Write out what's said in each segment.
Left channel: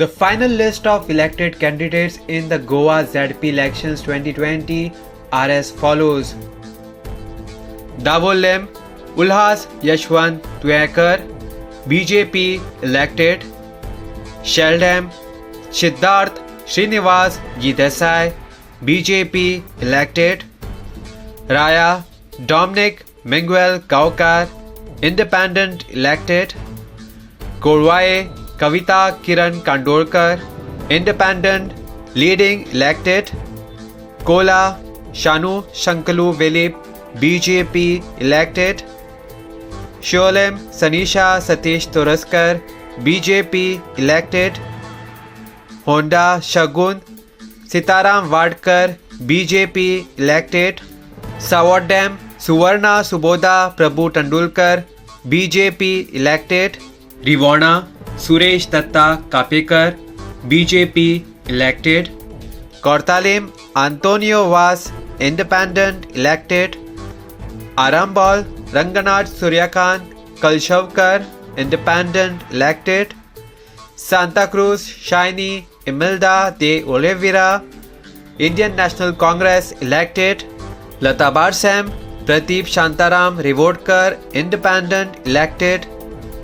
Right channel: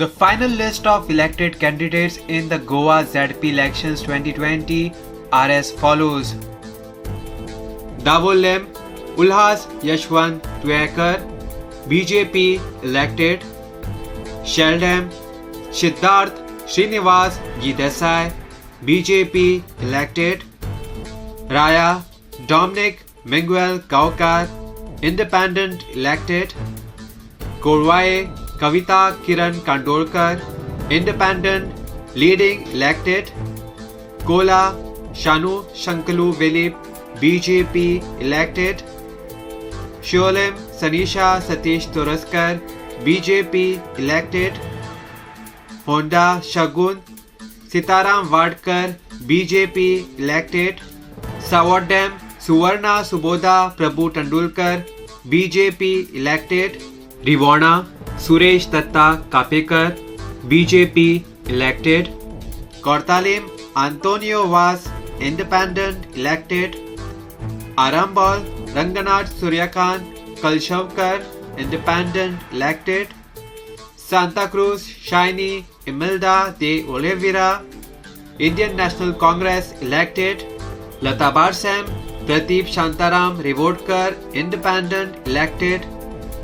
The final list of elected candidates in the Goa ZP elections 2020 are as follows. Davolem Ulhas Yashwant Tuekar, BJP elected. Sheldam Siddharth Srinivas Desai, BJP elected. Raya Dominic Miguel Kaukar, Independent elected. Korwaye Kavita Kiran Kandolkar, Independent, leading elected. Kola Shanu Shankalu Vilip, BJP elected. Sholem Sanisha Satish Toraskar, BJP elected. Honda Shagun Sitaram Vadkar, BJP elected. Sawadam Suvarna Suboda Prabhu Tandulkar, BJP elected. Rivana Suresh Datta Kapekar, BJP elected. Kortalim Antonio Vas, Independent elected. Arambol Ranganath Suryakan Kalshavkar, Independent elected. Santa Cruz Shiny Imelda de Oliveira, Indian National Congress elected. Lata Barsam Pradeep Shantaram Revodkar, Independent elected.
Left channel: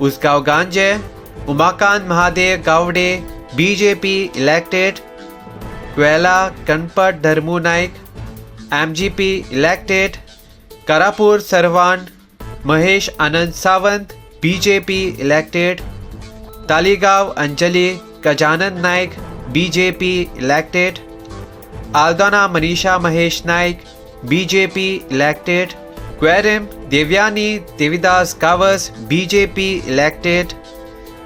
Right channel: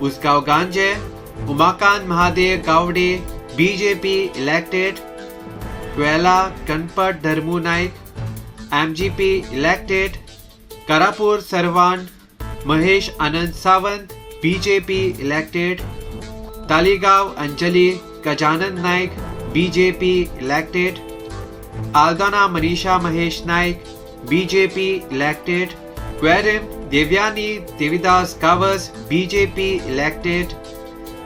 Usgaon Ganje Umakant Mahadev Gowde, BJP elected. Kwela Kanpat Dharmu Naik, MGP elected. Karapur Sarvan Mahesh Anand Sawant, BJP elected. Taligaon Anjali Gajanan Naik, BJP elected. Aldona Manisha Mahesh Naik, BJP elected. Quarim Devyani Devidas Kavas, BJP elected.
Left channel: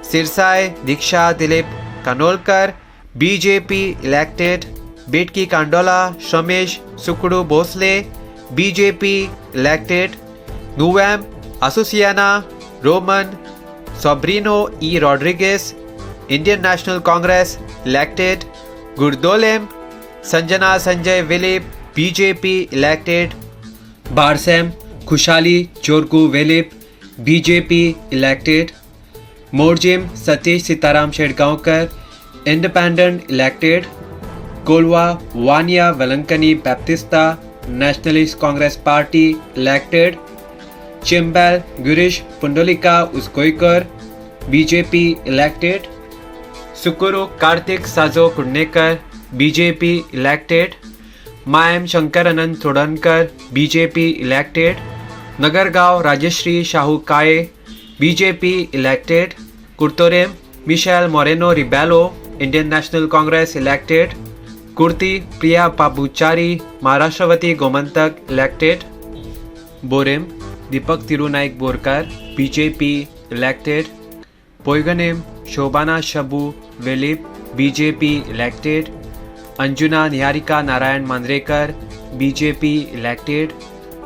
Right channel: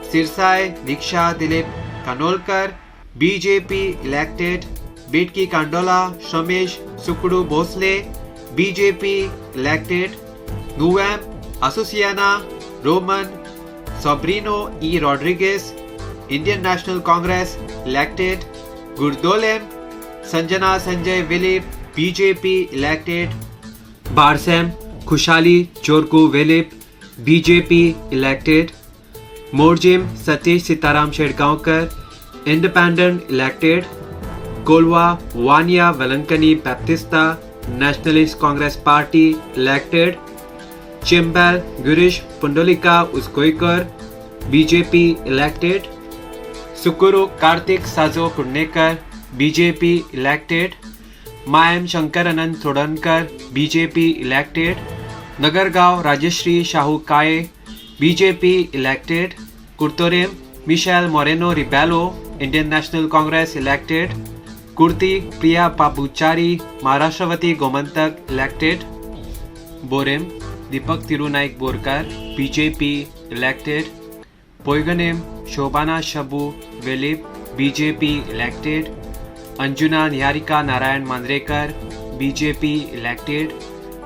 Sirsai Diksha Dilip Kanolkar, BJP elected. Bitki Kandola Shamesh Sukru Bosle, BJP elected. Nuvam Asuciana Roman Sobrino E. Rodriguez, Indian National Congress elected. Gurdolem Sanjana Sanjay Vilip, BJP elected. Barsam Khushali Chorku Vilip, BJP elected. Morjim Satish Sitaram Shedgaonkar, Independent elected. Kolwa Vania Valankani Baptista, Nationalist Congress Party elected. Chimbal Girish Pundolika Uskoikar, BJP elected. Sukuru Kartik Sazo Kudnekar, BJP elected. Mayam Shankar Anand Thodankar, BJP elected. Nagargaon Rajeshri Shahu Kaye, BJP elected. Kurtorem Michelle Moreno Ribello, Indian National Congress elected. Kurti Priya Pabuchari, Maharashtravatī Gomantak elected. Borem Deepak Tirunaik Borkar, BJP elected. Poiganem Shobana Shabu Vilip, BJP elected. Anjuna Niharika Narayan Mandrekar, BJP elected.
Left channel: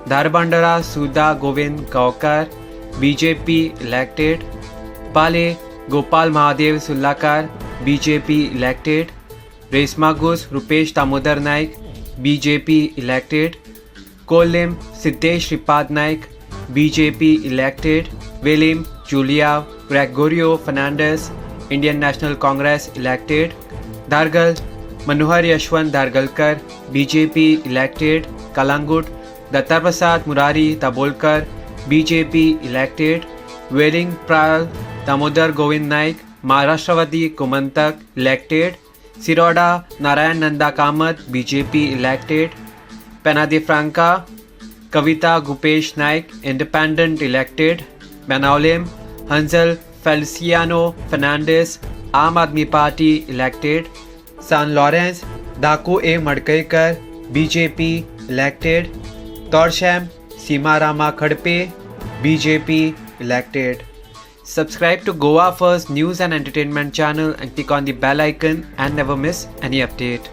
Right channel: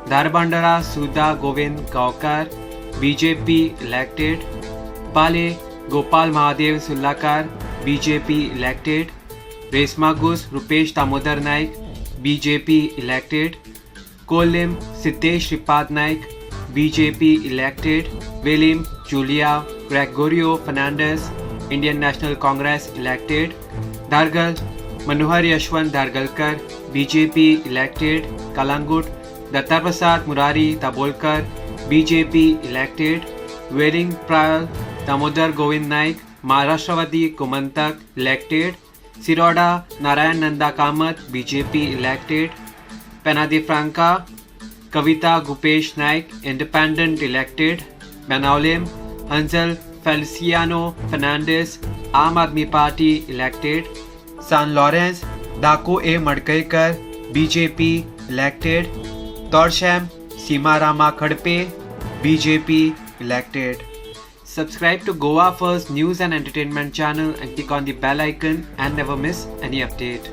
Dharbandara Sudha Govind Kaukar, BJP elected. Pale Gopal Mahadev Sullakar, BJP elected. Resmagus Rupesh Damodar Naik, BJP elected. Kolem Siddesh Shripad Naik, BJP elected. William Julia Gregorio Fernandez, Indian National Congress elected. Dargal Manohar Yashwant Dargalkar, BJP elected. Kalangut Dattaprasad Murari Tabolkar, BJP elected. Wedding Pral Damodar Govind Naik, Maharashtravatī Gomantak elected. Siroda Narayan Nanda Kamath, BJP elected. Penadi Franca Kavita Gupesh Naik, Independent elected. Banaulem Hansel Feliciano Fernandez, Aam Aadmi Party elected. San Lawrence Daku A. Madkaikar, BJP elected. Torsham Seema Rama Khadpe, BJP elected. Subscribe to Goa First News and Entertainment channel and click on the bell icon and never miss any update.